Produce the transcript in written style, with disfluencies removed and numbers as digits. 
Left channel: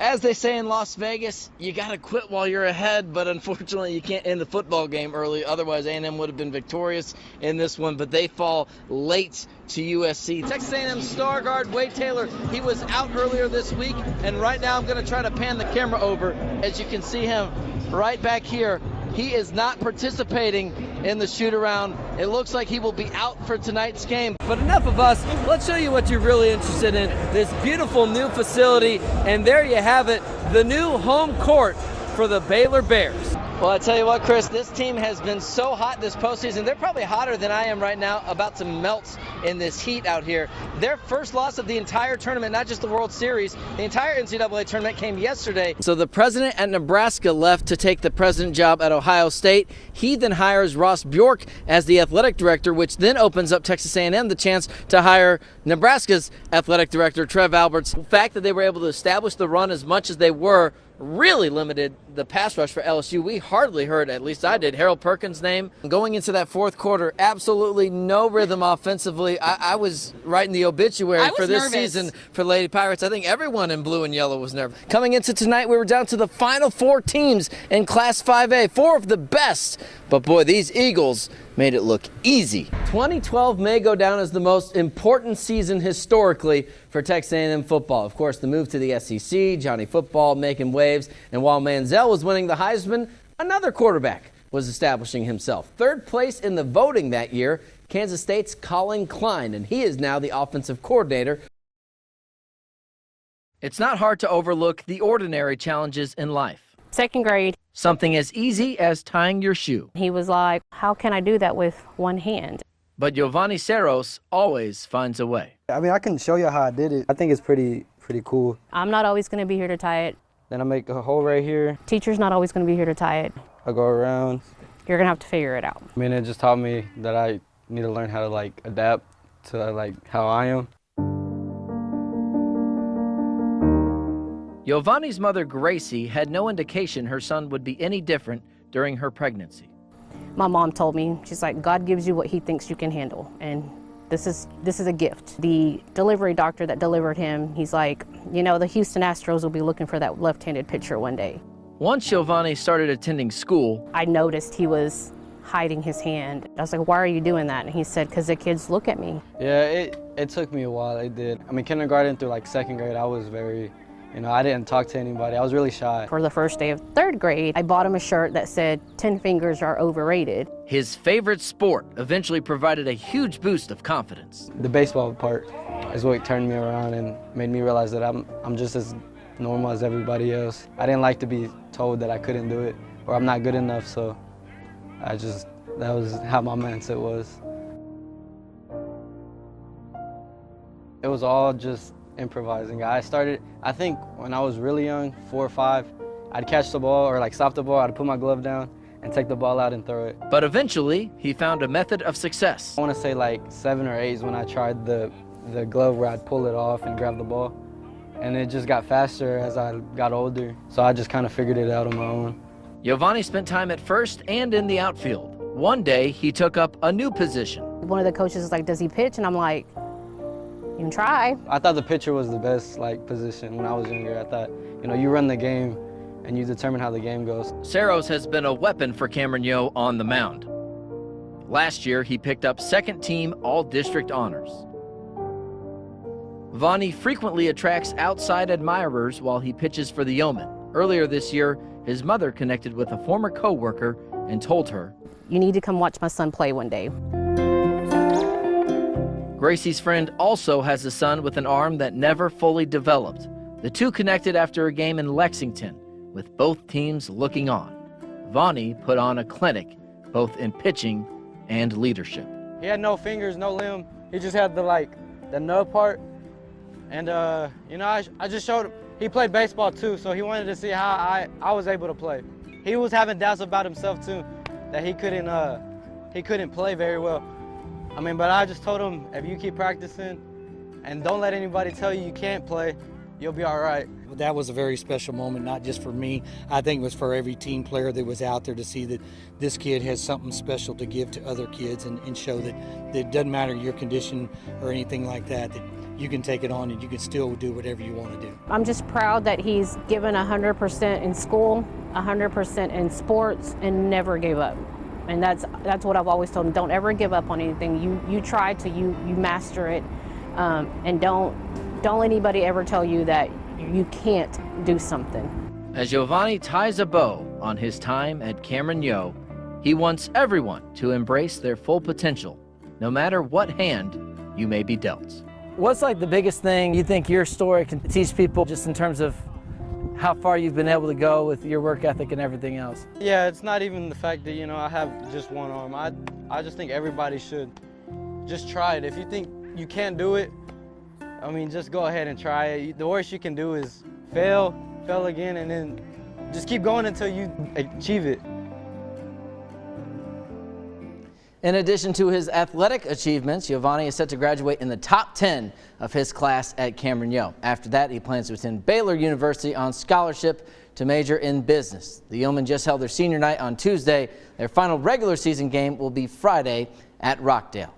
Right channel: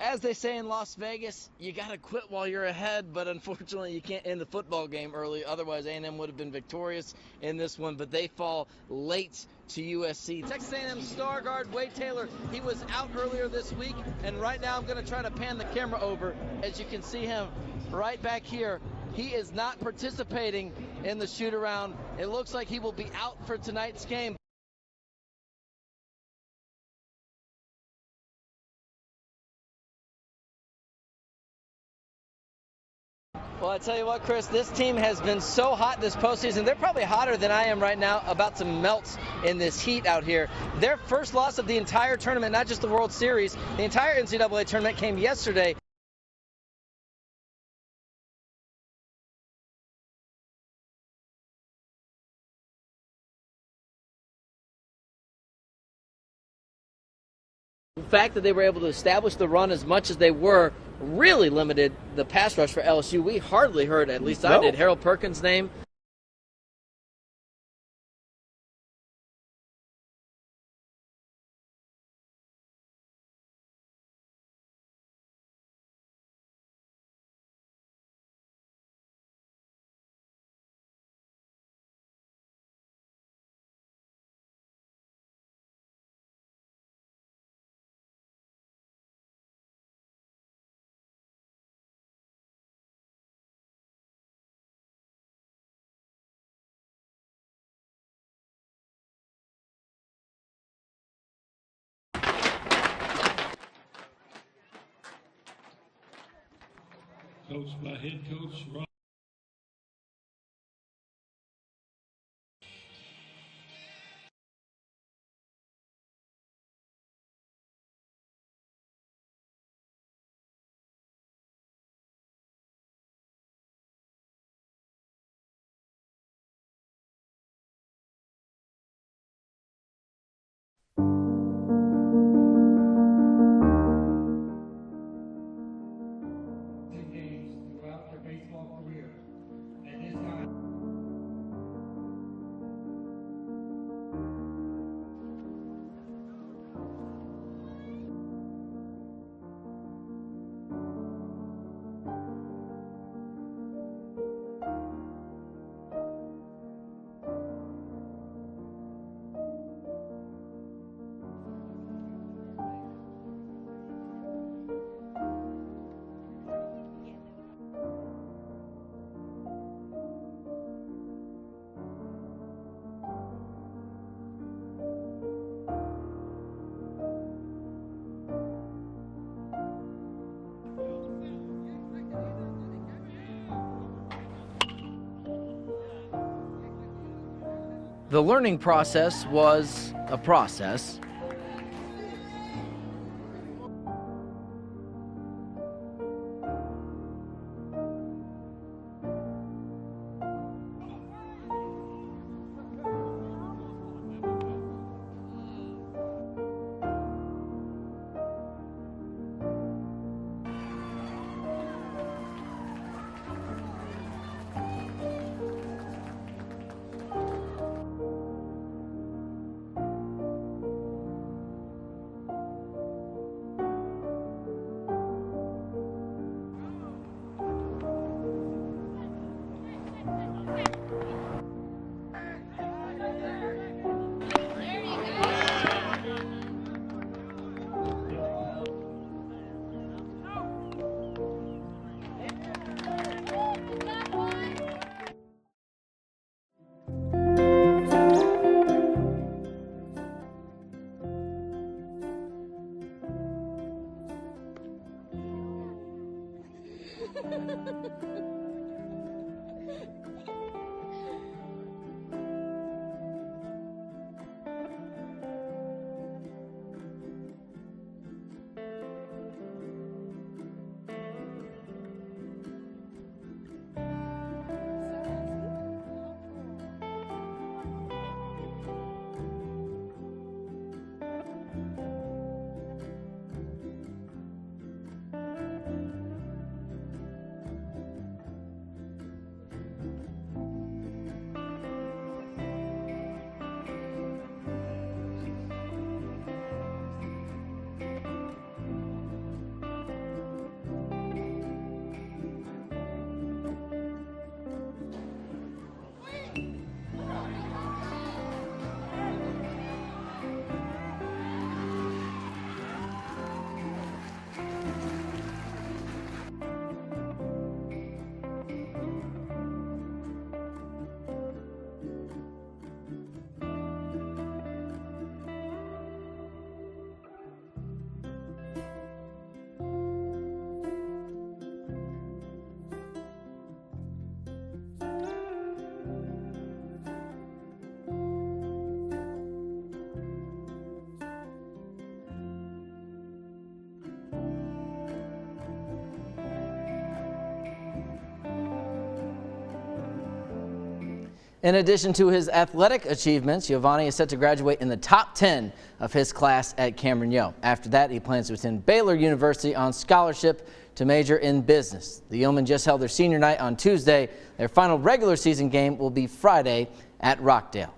As they say in Las Vegas, you got to quit while you're ahead, but unfortunately you can't end the football game early. Otherwise, A&M would have been victorious in this one, but they fall late to USC. Texas A&M star guard Wade Taylor, he was out earlier this week, and right now I'm going to try to pan the camera over. As you can see him right back here, he is not participating in the shoot-around. It looks like he will be out for tonight's game. But enough of us. Let's show you what you're really interested in, this beautiful new facility. And there you have it, the new home court for the Baylor Bears. Well, I tell you what, Chris, this team has been so hot this postseason. They're probably hotter than I am right now, about to melt in this heat out here. Their first loss of the entire tournament, not just the World Series, the entire NCAA tournament came yesterday. So the president at Nebraska left to take the president job at Ohio State. He then hires Ross Bjork as the athletic director, which then opens up Texas A&M the chance to hire Nebraska's athletic director, Trev Alberts. The fact that they were able to establish the run as much as they were really limited the pass rush for LSU. We hardly heard, at least I did, Harold Perkins' name. Going into that fourth quarter, absolutely no rhythm offensively. I was writing the obituary for this season for Lady Pirates. I think everyone in blue and yellow was nervous. Coming into tonight, we were down to the final 4 teams in Class 5A, 4 of the best. But boy, these Eagles made it look easy. 2012 may go down as the most important season historically for Texas A&M football. Of course, the move to the SEC, Johnny Football making waves, and while Manziel was winning the Heisman, another quarterback was establishing himself. Third place in the voting that year, Kansas State's Colin Klein, and he is now the offensive coordinator. It's not hard to overlook the ordinary challenges in life. Second grade. Something as easy as tying your shoe. He was like, how can I do that with one hand? But Giovanni Ceros always finds a way. I mean, I can show you how I did it. I think it's pretty cool. I'm not always going to be here to tie it. Then I make a hole right here. Teacher's not always going to be here to tie it. I go around. You're going to have to figure it out. I mean, it just taught me that I need to learn how to, like, adapt to, like, how I am. Giovanni's mother, Gracie, had no indication her son would be any different during her pregnancy. My mom told me, she's like, God gives you what he thinks you can handle, and this is a gift. The delivery doctor that delivered him, he's like, you know, the Houston Astros will be looking for that left-handed pitcher one day. Once Giovanni started attending school, I noticed he was hiding his hand. I was like, why are you doing that? And he said, because the kids look at me. Yeah, it took me a while, it did. I mean, kindergarten through, like, second grade, I was very, you know, I didn't talk to anybody. I was really shy. For the first day of third grade, I bought him a shirt that said, 10 fingers are overrated. His favorite sport eventually provided a huge boost of confidence. The baseball part is what turned me around and made me realize that I'm just as normal as everybody else. I didn't like to be told that I couldn't do it or I'm not good enough, so that was how my mindset was. The learning process was a process. It was all just improvising. I started, I think when I was really young, 4 or 5, I'd catch the ball or like stop the ball, I'd put my glove down and take the ball out and throw it. But eventually, he found a method of success. I want to say like 7 or 8 is when I tried the glove where I'd pull it off and grab the ball. And it just got faster as I got older. So I just kind of figured it out on my own. Giovanni spent time at first and in the outfield. One day, he took up a new position. One of the coaches was like, does he pitch? And I'm like, you can try. I thought the pitcher was the best position when I was younger. I thought, you know, you run the game and you determine how the game goes. Ceros has been a weapon for Cameron Yo on the mound. Last year, he picked up second-team All-District honors. Vonnie frequently attracts outside admirers while he pitches for the Yeomen. Earlier this year, his mother connected with a former co-worker and told her, you need to come watch my son play one day. Gracie's friend also has a son with an arm that never fully developed. The two connected after a game in Lexington, with both teams looking on. Vonnie put on a clinic, both in pitching and leadership. He had no fingers, no limb. He just had the nub part. And, you know, I just showed him. He played baseball too, so he wanted to see how I was able to play. He was having doubts about himself too, that he couldn't play very well. I mean, but I just told him, if you keep practicing and don't let anybody tell you you can't play, you'll be all right. That was a very special moment, not just for me. I think it was for every team player that was out there to see that this kid has something special to give to other kids and show that it doesn't matter your condition or anything like that, that you can take it on and you can still do whatever you want to do. I'm just proud that he's given 100% in school, 100% in sports, and never gave up. And that's what I've always told him. Don't ever give up on anything. You try to, you master it, and don't let anybody ever tell you that you can't do something. As Giovanni ties a bow on his time at Cameron Yo, he wants everyone to embrace their full potential, no matter what hand you may be dealt. What's like the biggest thing you think your story can teach people, just in terms of how far you've been able to go with your work ethic and everything else? Yeah, it's not even the fact that, you know, I have just one arm. I just think everybody should just try it. If you think you can't do it, I mean, just go ahead and try it. The worst you can do is fail again, and then just keep going until you achieve it. In addition to his athletic achievements, Giovanni is set to graduate in the top 10 of his class at Cameron Yo. After that, he plans to attend Baylor University on scholarship to major in business. The Yeomen just held their senior night on Tuesday. Their final regular season game will be Friday at Rockdale.